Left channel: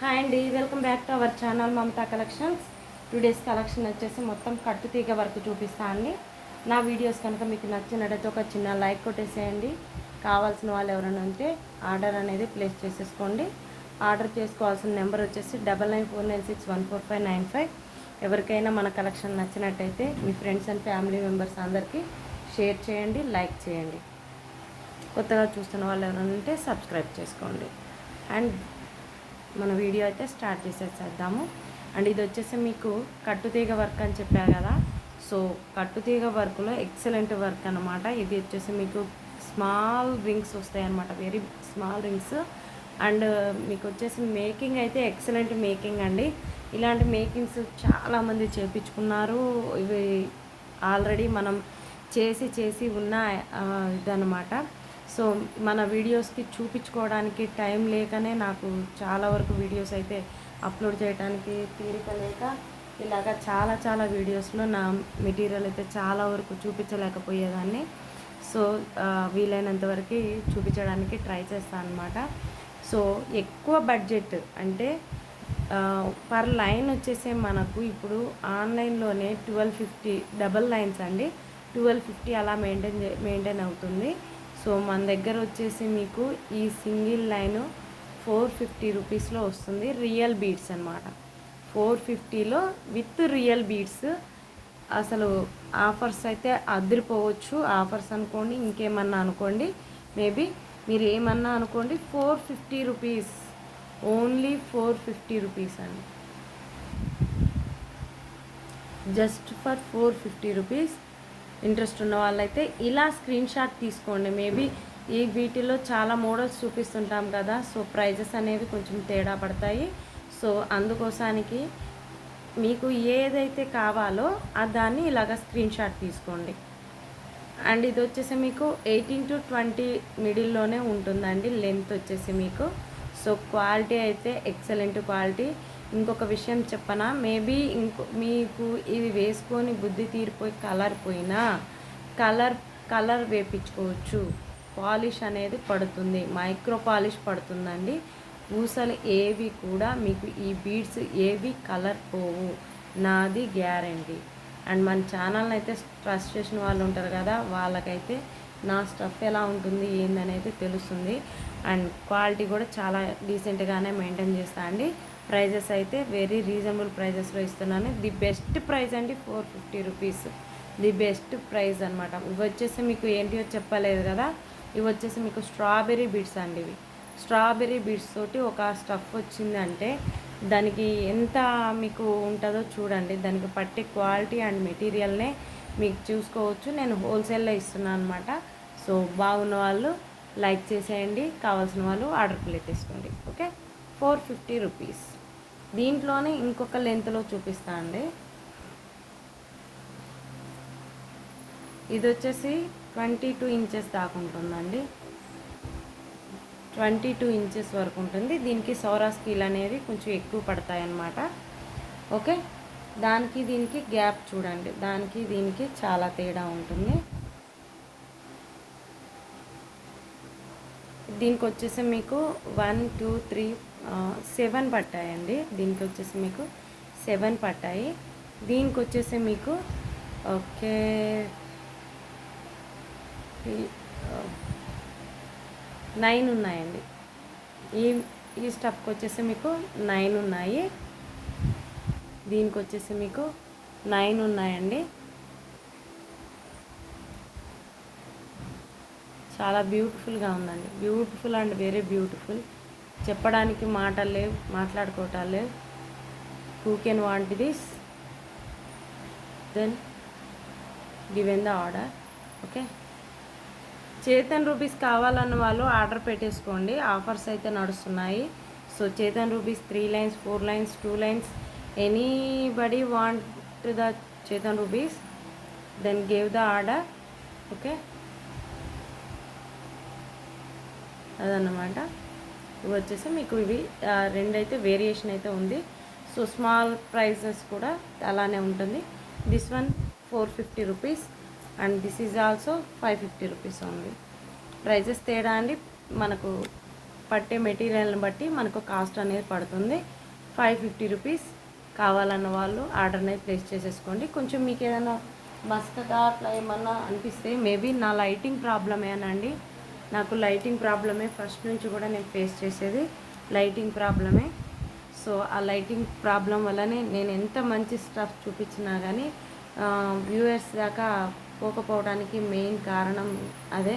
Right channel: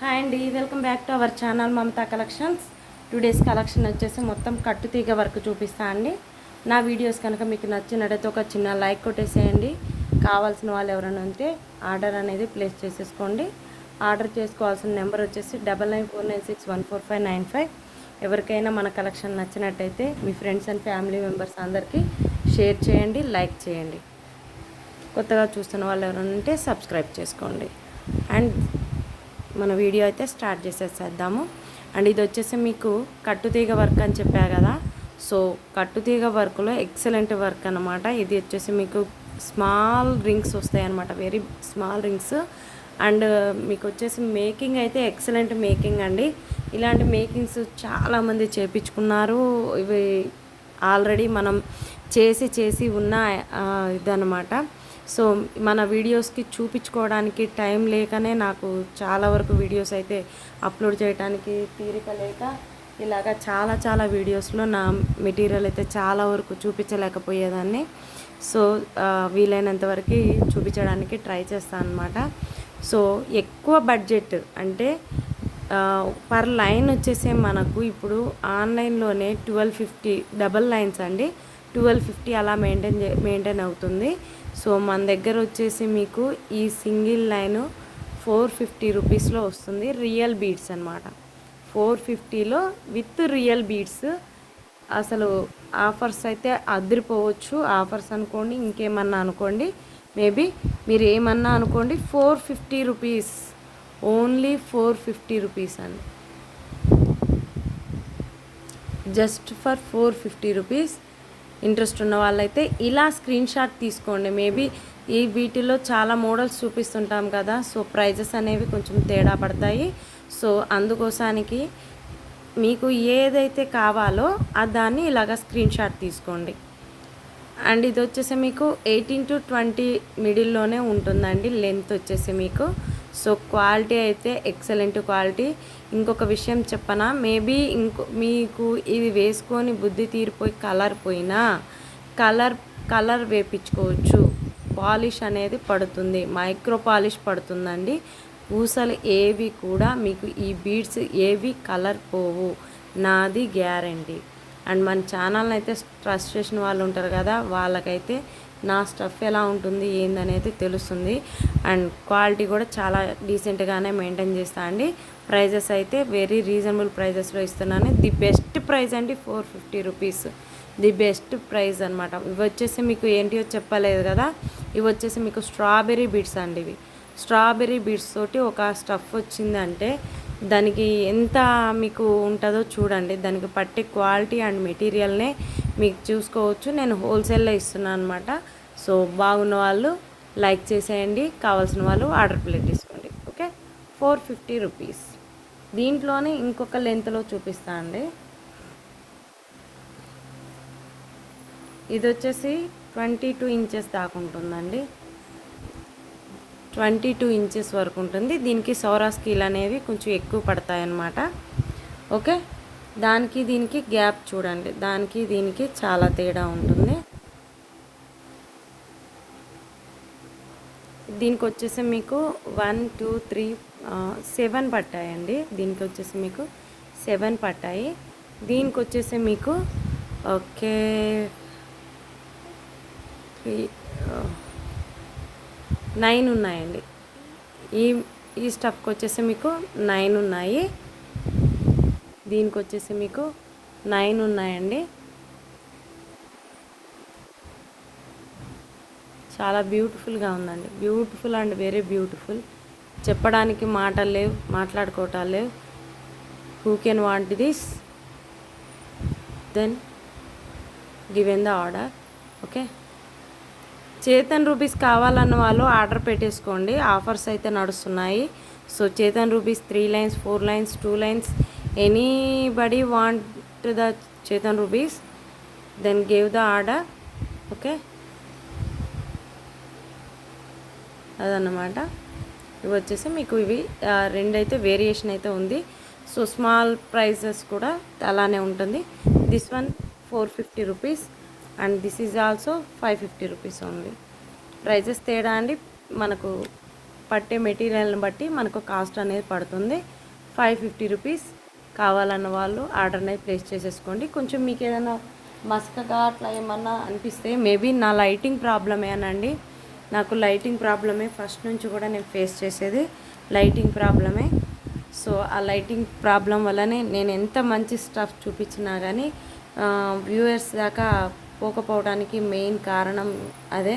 Hi అండి, welcome back to our channel Mamata collections. Today's collection వచ్చేసి మొత్తం కట్టుతీగ వర్క్ చూపిస్తా అండి. నా వీడియోస్ కనుక మీకు నచ్చినట్టయితే ఒక చిన్న లైక్ కొట్టేసేయండి. కావాల్సిన వాళ్ళు ఎవరైనా ఉంటే ఆర్డర్ అనేది ప్లేస్ చేసేసుకోండి. ఆర్డర్ చేసుకోవాల్సిన నెంబర్ వచ్చేసి 9949614595. ఎవరికైనా మన కలెక్షన్ నచ్చినట్టయితే మీ ఫ్రెండ్స్ అండ్ ఫ్యామిలీ మెంబర్స్ అందరికీ షేర్ చేయండి, లైక్ చేయండి. కొత్తగా చూస్తున్న వాళ్ళు ఎవరైనా ఉంటే సబ్స్క్రైబ్ చేసుకోండి. అండ్ మన వీడియో అయితే స్టార్ట్ చేసేద్దాము. అండ్ ఇది వచ్చేసి మీకు కట్టుతీగ వర్క్ అని చెప్పా కదా. సో కట్టుతీగ వర్క్లో ఎక్సలెంట్ వర్క్ అనమాట. ఇది వచ్చేసి మీకు స్మాల్ రింగ్స్ వస్తాయి అనమాట, వెరీ స్మాల్ రింగ్స్. అండ్ మీకు వచ్చేసి మేకింగ్ అయితే ఎక్సలెంట్ మేకింగ్ అండి. ఇలాంటి మేకింగ్స్ చాలామంది చేయించుకున్నారు. ఇవి ఆల్రెడీ మనం చేసి ఉన్న ఇదనమాట. సో మన వీడియోస్కి చూపించుకోవడానికి టైం లేకనే నాకు చాలా వరకు వీడియోస్ అయితే అప్లోడ్ చేయడానికి తీరిక లేక ఇలాగ చాలా వీడియోస్లో నా మెటీరియల్ అయితే చాలా వరకు చూపించలేకపోయేదాన్ని. సో వీలైనంత వరకు చూపించడానికి ట్రై చేస్తాను అనమాట. సో ఎక్కువ బడ్జెట్ అంటే పర్ లైన్ వచ్చేసి మనకు ఇప్పుడు ఆన్లైన్లోనే 1250 డబల్ లైన్స్ అండి, 1250 అలా మెయింటైన్ అవుతుంది. సో మన దగ్గర వచ్చేసి మీకు ఈ సింగిల్ లైన్ 450 రూపీస్లో వస్తుంది. రియల్ బీడ్స్ అనమాట, 450లో విత్ రియల్ బీడ్స్. అసలు ఆఫర్స్ అయితే అదిరిపోవచ్చు. ఆఫర్స్ అనుకోండి, ఇంకేమన్నా అనుకోండి, మేబీ మీరు ఏమన్నా అనుకోండి. 450 రూపీస్, ఓన్లీ 450 రూపీస్ అండి, జస్ట్ ఫర్ 450 రూపీస్. ఇంట్రెస్ట్ ఉన్న వాళ్ళైతే ఇలా స్క్రీన్ షాట్ తీసుకోండి. మేబీ ఈ వీటిలో చాలా మోడల్స్ చూపిస్తుంటాం కదా, సో ప్రైజెస్ అనేవి కొంచెం తేడా పడతాయి. సో అందుకోసానికి మీకు ఏదైతే కావాలో దాన్ని ఇలాగ స్క్రీన్ షాట్ తీసుకోండి. అండ్ ఇది వచ్చేసి మీకు 18 to 20 మిడిల్లోనే ఉంటుందండి లెంత్ వచ్చేసి మీకు. సో క్వాలిటీ అయితే ఎక్సలెంట్ క్వాలిటీ. ఇంకొక విషయం చెప్పనా, మేబీ మీకు ఇది వేసుకొని బుద్ధి తీరిపోయి కలర్ పోయినా కలర్ వేపించుకోవచ్చు. పాలిష్ అనేది పడుతుంది, మైక్రో పాలిష్ పడుతుందండి. పూసలు ఏవి కూడా మీకు ఈ బీడ్స్ ఏవి కలర్ పోవు, నాది గ్యారంటీ. అండ్ మన ఛానల్ని అయితే ట్రస్ట్ చేసిన వాళ్ళు ఉంటారు కదా, వాళ్ళకైతే నా స్టఫ్ ఎలా ఉంటుంది ఏందనేది తెలుస్తుంది. అండ్ క్వాలిటీ కూడా చాలా డీసెంట్గానే మెయింటైన్ చేస్తా అండి. ప్రైజెస్ అయితే వెరీ రీజనబుల్ ప్రైజెస్లో ఇస్తున్నాను. ది బెస్ట్ ప్రైస్ అండి, 450 రూపీస్, ది బెస్ట్ ప్రైస్ అనమాట. ఇవి వచ్చేసి మీకు ఏంటివో చెప్పలేదు కదా, ఇవి వచ్చేసి మీకు స్ట్రాబెర్రీ బీడ్స్ అండి. ఇవి స్ట్రాబెర్రీ బీడ్స్ తోటి ఒక స్టఫ్ వచ్చిందంటే దానికి ఎంత మీకు ఉంటుందో చూడండి. దానికి పట్టే క్వాలిటీ అండ్ మెటీరియల్నే మీకు చూసుకోవచ్చు. నేను హోల్సేల్లో ఇస్తున్నాను అనమాట. సో బాగున్న వాళ్ళు లైక్ చేసేయండి, కావాల్సిన వాళ్ళు ఆర్డర్ ప్లేస్ తీసుకోండి. Okay, 450 rupees. దీంట్లోనే ఇంకొక లెంత్లో చూపిస్తా అండి. ఇది వచ్చేసి 22 ఇంచెస్ దాకా ఉంటుందండి, 22 ఇంచెస్ వరకు ఉంటుంది. దీనికి సౌరా స్కీల్ అనేవి కొంచెం ఎక్కువ పడతాయన్నమాట. ఓకే, దానికి దీనికి గ్యాప్ చూడండి, దానికి దీనికి చాలా తేడా ఉంటుంది. దీనికి వచ్చేసి మీకు 1 2 3 7 పట్టాయండి. దీనికి వచ్చేసి మీకు 7 పట్టాయి. దీనికి వచ్చేసి మీకు ఓకే 9 ఉన్నాయండి. ఈ స్టఫ్కి వచ్చేసి మీకు 9 ఉన్నాయి. దీనికి వచ్చేసి మీకు 9 ఉన్నాయండి. చాలా బ్యూటిఫుల్గా ఉందండి, బ్యూటిఫుల్ అండ్ వెరీ బ్యూటిఫుల్. చెప్పడానికి మాటలు లేవు, మాట్లాడుకోవటాలు లేవు. Who can want this, then given the order. Okay, Chetan rupees కావాలన్న వాళ్ళు ఆర్డర్ పెట్టేసుకోండి, ఆఫర్స్ అయితే నడుస్తున్నాయి. So Chetan rupees 3 lines 4 lines 2 lines, anybody want the Chetan rupees, then give the order. Okay, అదన్నమాట. ఇవి వచ్చేసి మీకు ఇవి రెండైతే వేరియేషన్ అయితే ఉంది. సో స్మాల్ ప్రైజెస్ కూడా అలానే ఉంటుంది. This one 450 rupees and this is also 550 rupees ఉంది. ప్రైజెస్ తేడా అండి, మనకు పట్టే మెటీరియల్ని బట్టి మనకు కాస్ట్ అనేది పడుతుంది. 550 రూపీస్. కావాలన్న వాళ్ళు ఆర్డర్ అనేది ప్లేస్ చేసేసుకోండి. కొంచెం మీకు ఏదైనా మసకగా అట్లా ఏమన్నా అనిపిస్తే మేబీ నా లైటింగ్ ప్రాబ్లమేనండి. నాకు లైటింగ్ ప్రాబ్లమే ఫస్ట్ నుంచి కూడా నేను ఫేస్ చేసేది లైటింగ్ ప్రాబ్లమే. సో ఆ లైటింగ్ ప్రాబ్లం వల్లనే నేను ఎంత మంచి స్టఫ్ చూపించినా కానీ వ్యూవర్స్ దాకా పోకపోవడానికి మెయిన్ కారణం అదే.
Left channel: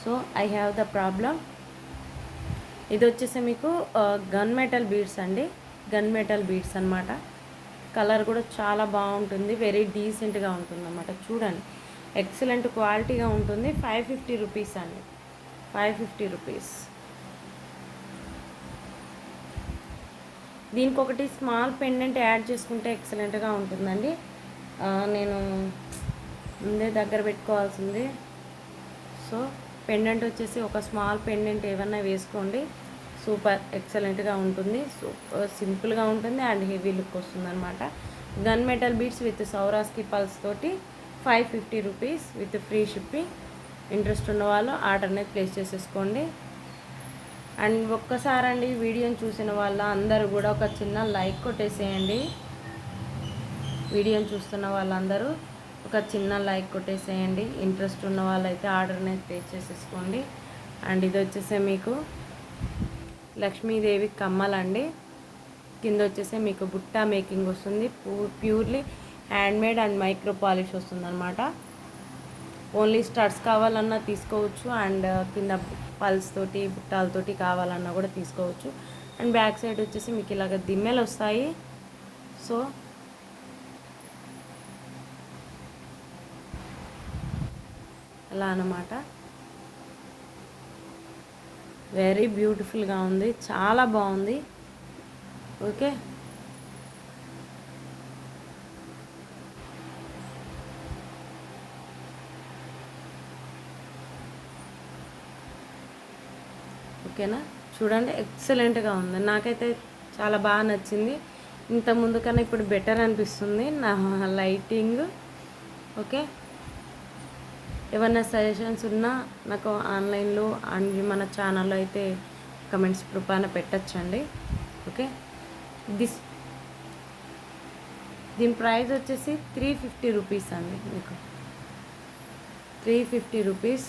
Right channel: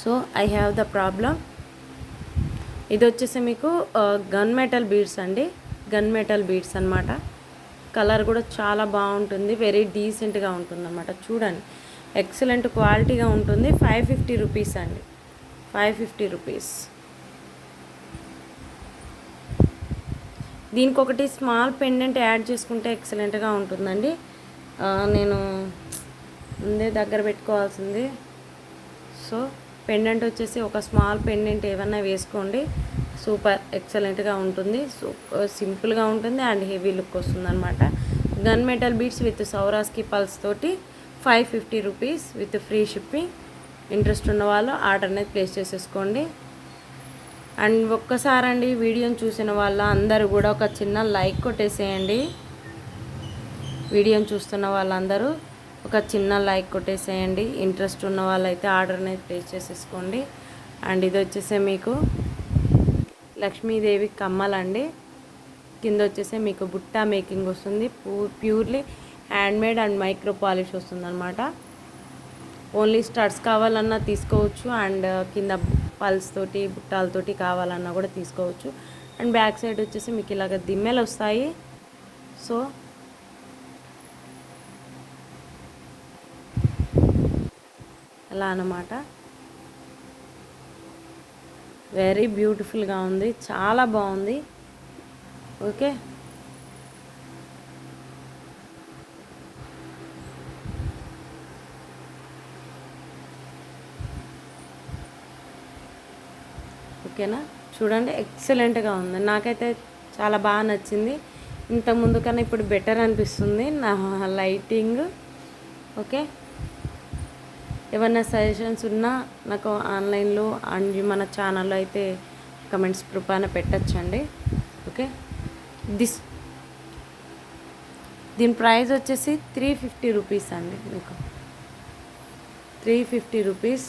So I have the problem. ఇది వచ్చేసి మీకు గన్ మెటల్ బీడ్స్ అండి. గన్ మెటల్ బీడ్స్ అనమాట. కలర్ కూడా చాలా బాగుంటుంది, వెరీ డీసెంట్గా ఉంటుంది అన్నమాట. చూడండి, ఎక్సలెంట్ క్వాలిటీగా ఉంటుంది. 550 రూపీస్ అండి, 550 రూపీస్. దీనికి ఒకటి స్మాల్ పెండెంట్ యాడ్ చేసుకుంటే ఎక్సలెంట్గా ఉంటుందండి. నేను ముందే దగ్గర పెట్టుకోవాల్సింది. సో పెండెంట్ వచ్చేసి ఒక స్మాల్ పెండెంట్ ఏమన్నా వేసుకోండి, సూపర్ ఎక్సలెంట్గా ఉంటుంది. సింపుల్గా ఉంటుంది అండ్ హెవీ లుక్ వస్తుంది అనమాట. Gun metal beads with Swarovski pearls తోటి 550 rupees with free shipping. Interest ఉన్న వాళ్ళు ఆర్డర్ అనేది ప్లేస్ చేసేసుకోండి. అండ్ ఒక్కసారి అండి వీడియోని చూసిన వాళ్ళ అందరూ కూడా ఒక చిన్న లైక్ కొట్టేసేయండి. వీడియోని చూస్తున్న వాళ్ళందరూ ఒక చిన్న లైక్ కొట్టేసేయండి. ఇంట్రెస్ట్ ఉన్న వాళ్ళైతే ఆర్డర్ అనేది ప్లేస్ చేసేసుకోండి. అండ్ ఇది వచ్చేసి మీకు లక్ష్మీదేవి కమ్మలండి. కింద వచ్చేసి మీకు బుట్టా మేకింగ్ వస్తుంది. Purely handmade and micro polish వస్తుంది అనమాట. ఓన్లీ స్టడ్స్ కావాలన్నా తీసుకోవచ్చు, అండ్ కింద పల్స్ తోటి బుట్టాలతోటి కావాలన్నా కూడా తీసుకోవచ్చు. అండ్ బ్యాక్ సైడ్ వచ్చేసి మీకు ఇలాగ దిమ్మెలు వస్తాయి. సో అలా అన్నమాట. వెరీ బ్యూటిఫుల్గా ఉంది, చాలా బాగుంది. ఓకే, ఓకేనా? చూడండి, ఎక్సలెంట్గా ఉంది. నాకైతే చాలా బాగా నచ్చింది. ఇంత ముందు కన్నా ఇప్పుడు బెటర్ అనిపిస్తుంది నా లైటింగ్. ఓకే, ఏమన్నా సజెషన్స్ ఉన్నా నాకు ఆన్లైన్లో అండ్ మన ఛానల్లో అయితే కమెంట్స్ రూపాన పెట్టచ్చండి. ఓకే, దీని ప్రైస్ వచ్చేసి 350 రూపీస్ అండి. మీకు 350 రూపీస్,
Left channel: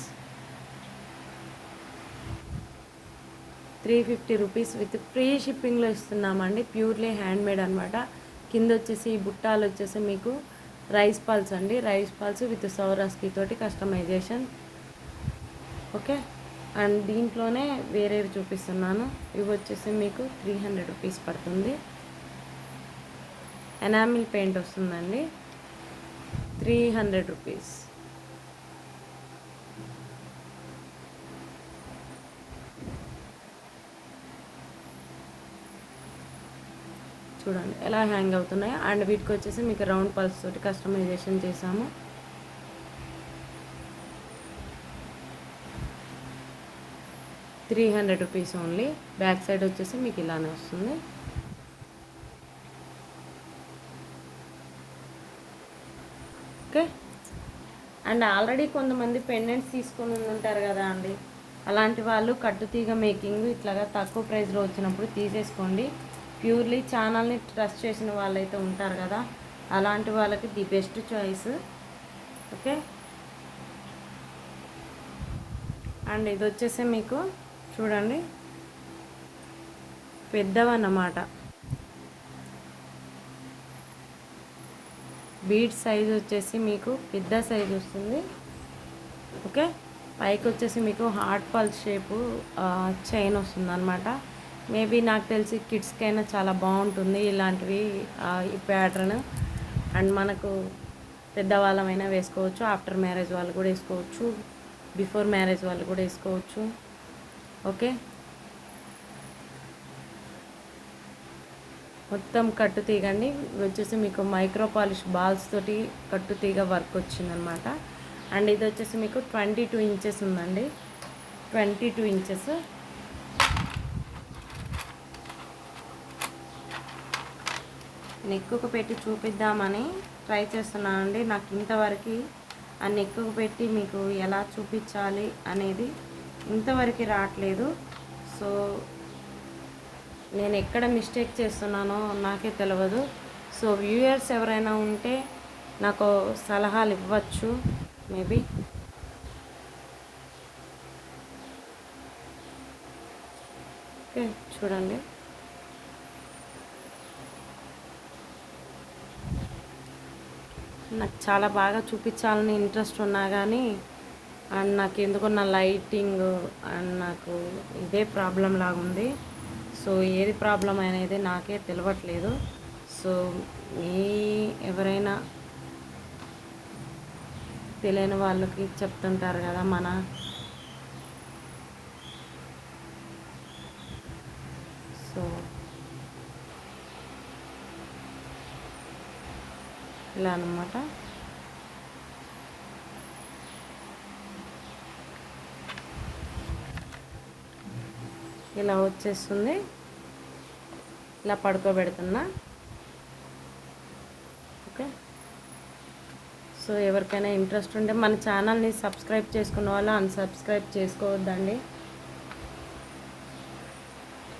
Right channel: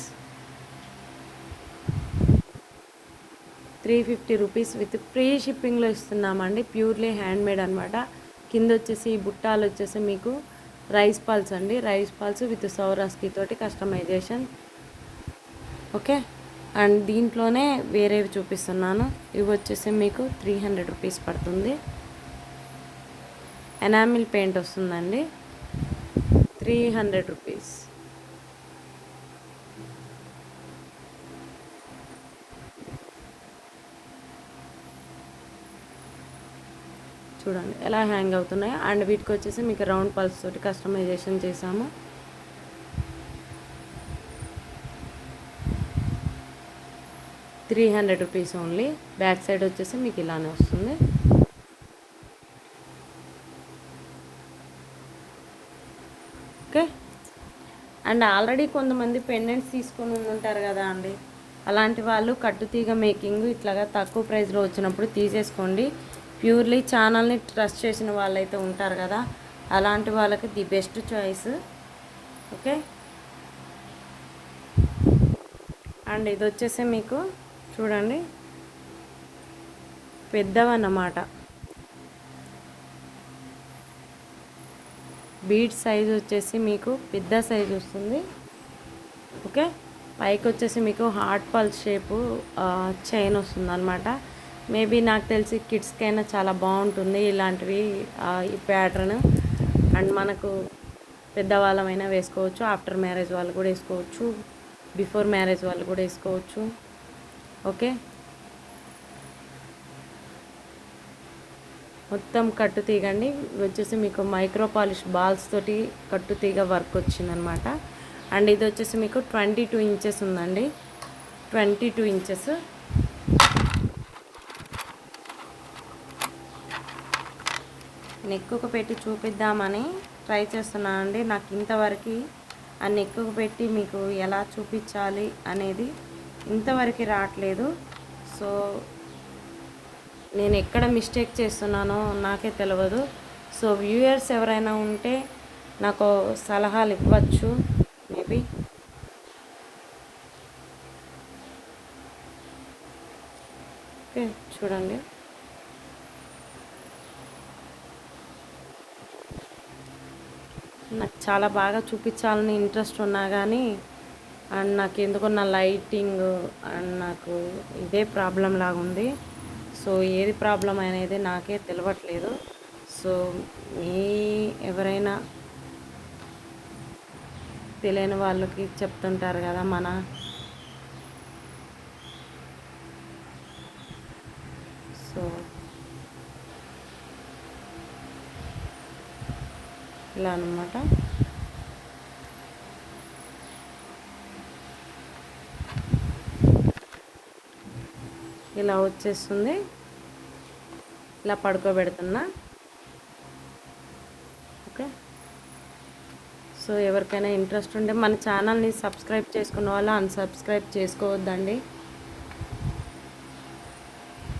350 రూపీస్ విత్ ఫ్రీ షిప్పింగ్లో ఇస్తున్నామండి. ప్యూర్లీ హ్యాండ్మేడ్ అనమాట. కింద వచ్చేసి బుట్టాలు వచ్చేసి మీకు రైస్ పాల్స్ అండి. రైస్ పాల్స్ విత్ సౌరాస్కి తోటి కస్టమైజేషన్. ఓకే, అండ్ దీంట్లోనే వేరేవి చూపిస్తున్నాను. ఇవి వచ్చేసి మీకు 300 రూపీస్ పడుతుంది. ఎనామిల్ పెయింట్ వస్తుందండి, 300 రూపీస్. చూడండి ఎలా హ్యాంగ్ అవుతున్నాయి. అండ్ వీటికి వచ్చేసి మీకు రౌండ్ పల్స్ తోటి కస్టమైజేషన్ చేసాము. ₹300 ఓన్లీ. బ్యాక్ సైడ్ వచ్చేసి మీకు ఇలానే వస్తుంది. ఓకే, అండ్ ఆల్రెడీ కొంతమంది పెండెంట్స్ తీసుకొని ఉంటారు కదా అండి, అలాంటి వాళ్ళు కట్టుతీగ మేకింగ్ ఇట్లాగా తక్కువ ప్రైస్లో వచ్చినప్పుడు తీసేసుకోండి. ప్యూర్లీ ఛానల్ని ట్రస్ట్ చేసిన వాళ్ళైతే ఉంటారు కదా, అలాంటి వాళ్ళకి the best choice. Okay, and ఇది వచ్చేసి మీకు చూడండి పెద్దవన్నమాట. బీడ్ సైజ్ వచ్చేసి మీకు పెద్ద సైజ్ వస్తుంది. ఓకే, పైకి వచ్చేసి మీకు హార్ట్ పల్స్ షేపు చైన్ వస్తుంది అనమాట. మేబీ నాకు తెలిసి కిడ్స్కైనా చాలా బాగుంటుంది ఇలాంటివి, ఈ ప్యాటర్న్. అండ్ మనకు పెద్దవాళ్ళమైనా వేసుకోవచ్చు, ఆఫ్టర్ మ్యారేజ్ వాళ్ళు కూడా వేసుకోవచ్చు, బిఫోర్ మ్యారేజ్ వాళ్ళు కూడా వేసుకోవచ్చు. ఓకే, మొత్తం కట్టుతీగ అండి. వచ్చేసి మీకు మైక్రో పాలిష్ బాల్స్ తోటి కట్టుతీగ వర్క్ వచ్చిందనమాట. అండ్ ఇది వచ్చేసి మీకు 22 ఇంచెస్ ఉందండి, 22 ఇంచెస్. నెక్కుకు పెట్టి చూపిద్దామని ట్రై చేస్తున్నానండి. నాకు ఇంతవరకు ఆ నెక్కుకు పెట్టి మీకు ఎలా చూపించాలి అనేది ఇంతవరకు రావట్లేదు. సో నేను ఎక్కడ మిస్టేక్ చేస్తున్నానో నాకే తెలియదు. సో వ్యూయర్స్ ఎవరైనా ఉంటే నాకు సలహాలు ఇవ్వచ్చు మేబీ. ఓకే, చూడండి. నాకు చాలా బాగా చూపించాలని ఇంట్రెస్ట్ ఉన్నా కానీ అండ్ నాకు ఎందుకో నా లైటింగ్ అండ్ నాకు ఇదే ప్రాబ్లం లాగా ఉంది. సో ఏది ప్రాబ్లం అనేది నాకే తెలియట్లేదు. సో మీ ఎవరైనా తెలియని వాళ్ళకి చెప్తుంటారు కదా సో ఇలా అన్నమాట. ఇలా వచ్చేస్తుంది. ఇలా పడుకోబెడుతున్నా. ఓకే, సో ఎవరికైనా ఇంట్రెస్ట్ ఉంటే మన ఛానల్ని సబ్స్క్రైబ్ చేసుకున్న వాళ్ళు అన్సబ్స్క్రైబ్ చేసుకోవద్దండి.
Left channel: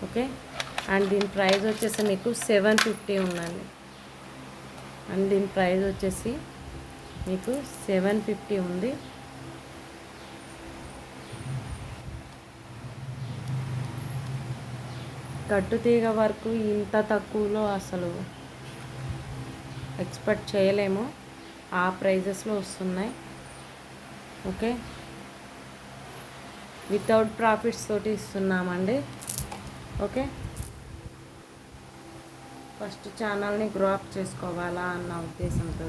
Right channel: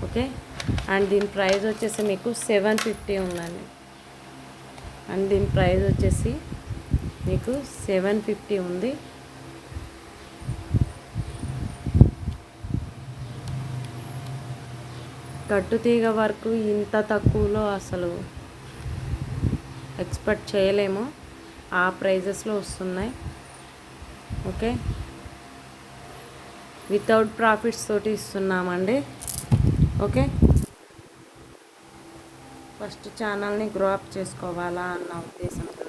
ఓకే, అండ్ దీని ప్రైస్ వచ్చేసి మీకు 750 ఉందండి. అండ్ దీని ప్రైస్ వచ్చేసి మీకు 750 ఉంది. కట్టుతీగ వరకు ఇంత తక్కువలో అసలు ఎక్స్పెక్ట్ చేయలేము. ఆ ప్రైజెస్లో వస్తున్నాయి. ఓకే, వితౌట్ ప్రాఫిట్స్ తోటి ఇస్తున్నామండి. ఓకే, ఫస్ట్ ఛానల్ని గ్రో అప్ చేసుకోవాలా అన్న ఉద్దేశంతో.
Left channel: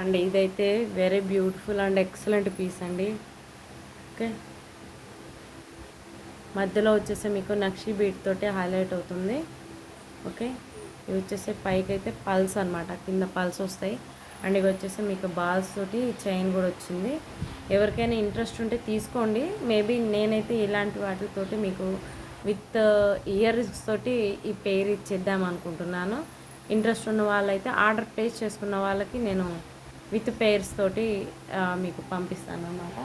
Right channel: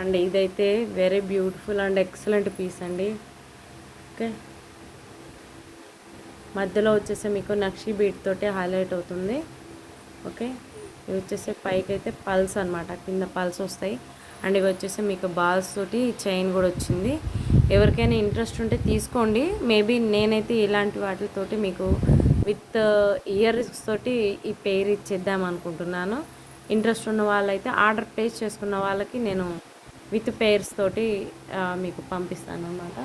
అండ్ ఇదైతే very beautiful and excellent piece అండి. ఓకే, మధ్యలో వచ్చేసి మీకు నక్షి బీట్ తోటి హైలైట్ అవుతుంది. ఓకే, ఇది వచ్చేసి పైకి అయితే పల్స్ అనమాట, కింద పల్స్ వస్తాయి. అండ్ ఇవి వచ్చేసి మీకు బాల్స్ తోటి చైన్ కూడా వచ్చింది. ఎవరికైనా ఇంట్రెస్ట్ ఉంటే తీసుకోండి. మేబీ నేనైతే ఇలాంటి వాటితోటి మీకు విత్ ఇయర్స్ తోటి ఈ పేరు ఇచ్చేద్దాం అనుకుంటున్నాను. ఇంట్రెస్ట్ ఉన్న వాళ్ళైతే ఆర్డర్ ప్లేస్ చేసుకున్న వాళ్ళకి నేను విత్ పేర్స్ తోటి మీకు పంపిస్తాను అన్నమాట.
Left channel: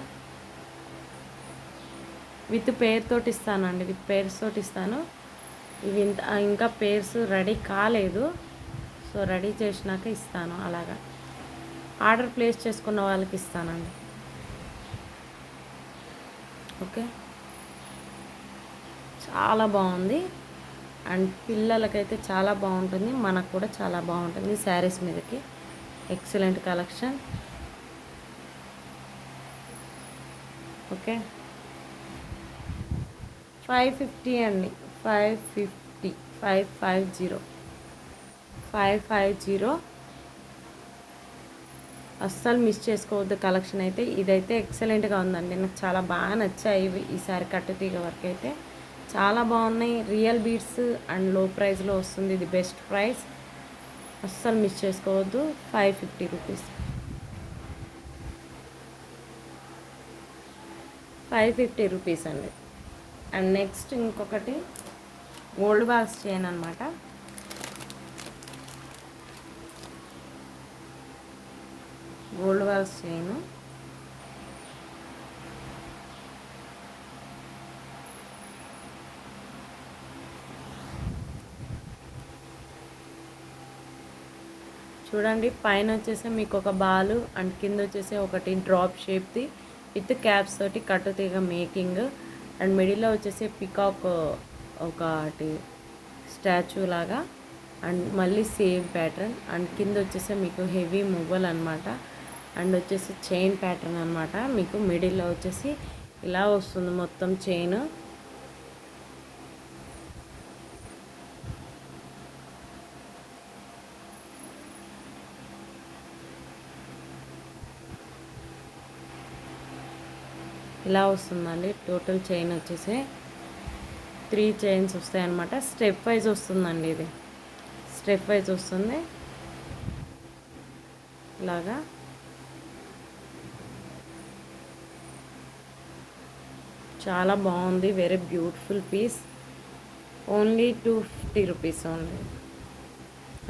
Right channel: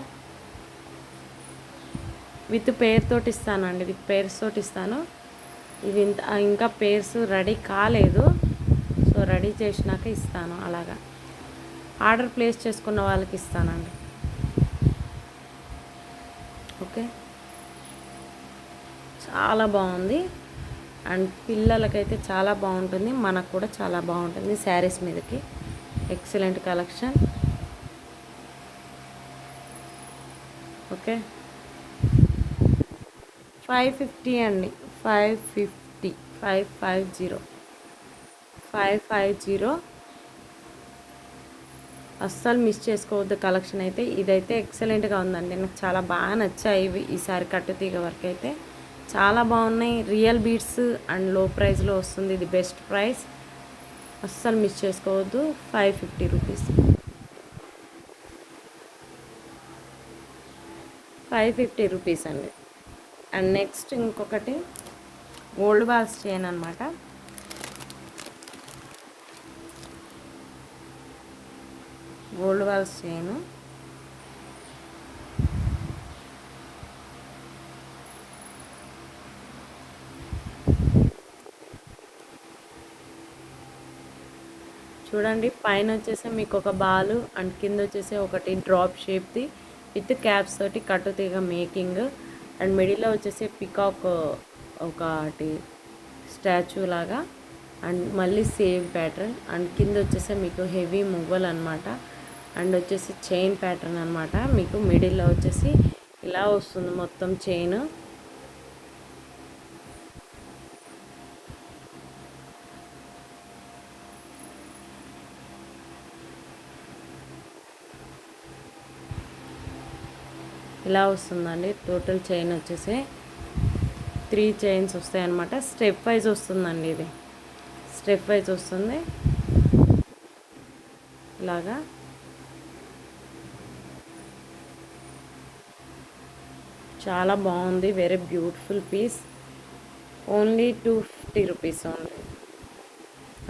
విత్ పేర్ తోటి ఇస్తానండి, విత్ పేర్స్ తోటి ఇస్తాను. ఇవి ఇంకా పేర్స్ రెడీ కాలేదు. సో రెడీ చేసినాక ఇస్తాను. అలాగా ఆర్డర్ ప్లేస్ చేసుకున్న వాళ్ళకి ఇస్తానండి. ఓకే, చాలా బాగుంది. అండ్ పిల్లలకైతే చాలా బాగుంటుంది, మనకు కూడా చాలా బాగుంటుంది. శారీస్ మీదకి ఎక్సలెంట్ కలెక్షన్. ఓకే, 550 అండి. 550 550 అస్సలు మిస్ చేసుకోవద్దు కలెక్షన్ అయితే. ఇదైతే ఎక్సలెంట్గా ఉందండి, నాకు చాలా బాగా నచ్చాయి ఇవి. ఈసారి కట్టుతీగ వర్క్ అయితే చాలా బాగున్నాయి. రియల్ బీడ్స్ అండ్ లో ప్రైస్లో వస్తుంది. ఇది బెస్ట్ ప్రైస్, అస్సలు మిస్ చేసుకోవద్దు. 550 రూపీస్, 550 రూపీస్ అండి. అండ్ నెక్స్ట్ ఇంకొకటి గోల్డ్ బాల్స్ చైన్ అనమాట. గోల్డ్ బాల్స్ చైన్ చూడండి. పైన వచ్చేసి మీకు ఒక బాలు అండ్ కింద వచ్చేసి ఒకటి డ్రాప్ షేప్ది విత్ క్యాప్స్ తోటి కట్టుతీగ మేకింగ్. అండ్ మిడిల్లో వచ్చేసి పికాక్ ఒకటి స్టాచ్యూ లాగా అండ్ మళ్ళీ సేవ్ ప్యాటర్న్. అండ్ కింద వచ్చేసి మీకు హెవీ మువ్వలు అనమాట. అండ్ వచ్చేసి చైన్ ప్యాటర్న్ అనమాట. మీకు మిడిల్లో వచ్చేసి ఇలా వస్తుంది మొత్తం చైన్. ఇలా వస్తుందండి. టోటల్ చైన్ వచ్చేసి 3 చైన్స్ వస్తాయి అన్నమాట. స్టెప్ వైజ్ వస్తుందండి, ఇది స్టెప్ వైజ్ వస్తుంది ఇలాగా. చాలా బాగుంది, very beautiful piece. Only 250 rupees only.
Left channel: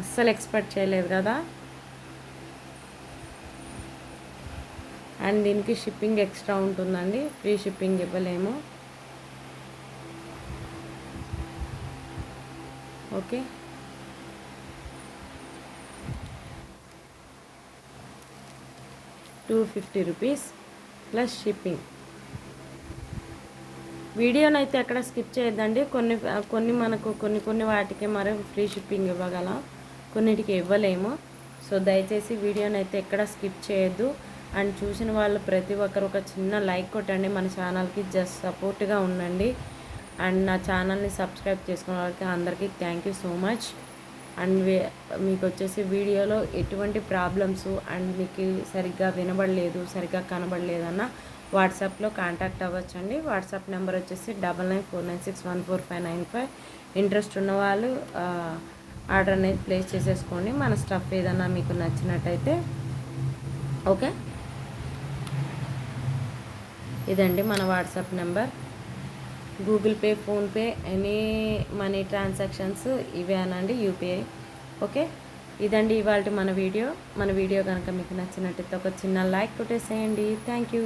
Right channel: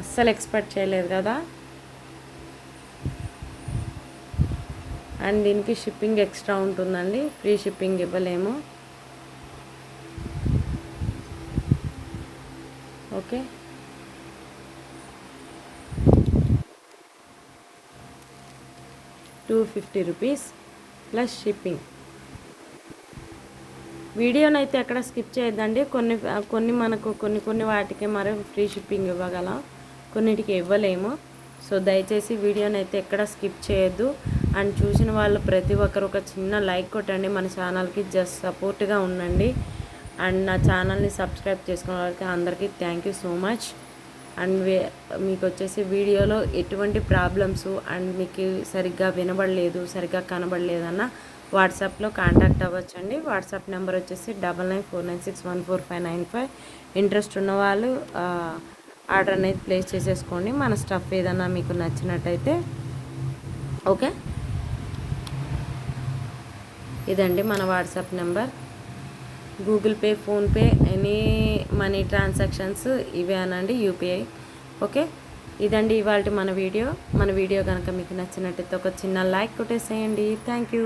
అస్సలు ఎక్స్పెక్ట్ చేయలేదు కదా. అండ్ దీనికి షిప్పింగ్ ఎక్స్ట్రా ఉంటుందండి, ఫ్రీ షిప్పింగ్ ఇవ్వలేము. Okay, ₹250 plus shipping. వీడియోని అయితే ఎక్కడ స్కిప్ చేయొద్దండి. కొన్ని మనకు కొన్ని వాటికి మరి ఫ్రీ షిప్పింగ్ ఇవ్వగల, కొన్నిటికి ఇవ్వలేము. సో దయచేసి వీడియోని అయితే ఎక్కడ స్కిప్ చేయొద్దు. అండ్ చూసిన వాళ్ళు ప్రతి ఒక్కరు ఒక చిన్న లైక్ కొట్టండి. మన ఛానల్కి జస్ట్ సపోర్ట్గా ఉండండి. అండ్ నా ఛానల్ని సబ్స్క్రైబ్ చేసుకున్న వాళ్ళకి అందరికీ thank you so much. And మీకు వచ్చేసి వీడియోలో ఎటువంటి ప్రాబ్లమ్స్ అండ్ మీకు సరిగ్గా వినబడలేదు, సరిగ్గా కనబడలేదన్న వాట్సాప్లో కాంటాక్ట్ అవ్వచ్చండి. వాట్సాప్ నెంబర్ వచ్చేసి 9949614595. ఇంట్రెస్ట్ ఉన్న వాళ్ళు ఆర్డర్ అనేది ప్లేస్ చేసేసుకోండి. మన స్టఫ్ ఏదన్నా మీకు నచ్చినట్టయితే. ఓకే, ఇదండి మన WhatsApp number. Google pay, PhonePe, any money transactions ఇవే అనండి, యూపీఐ. ఓకే, ఇదండి ఇవాళ మన వీడియో కనుక మీకు నచ్చినట్టయితే ఒక చిన్న లైక్ కొట్టేసేయండి. Thank you.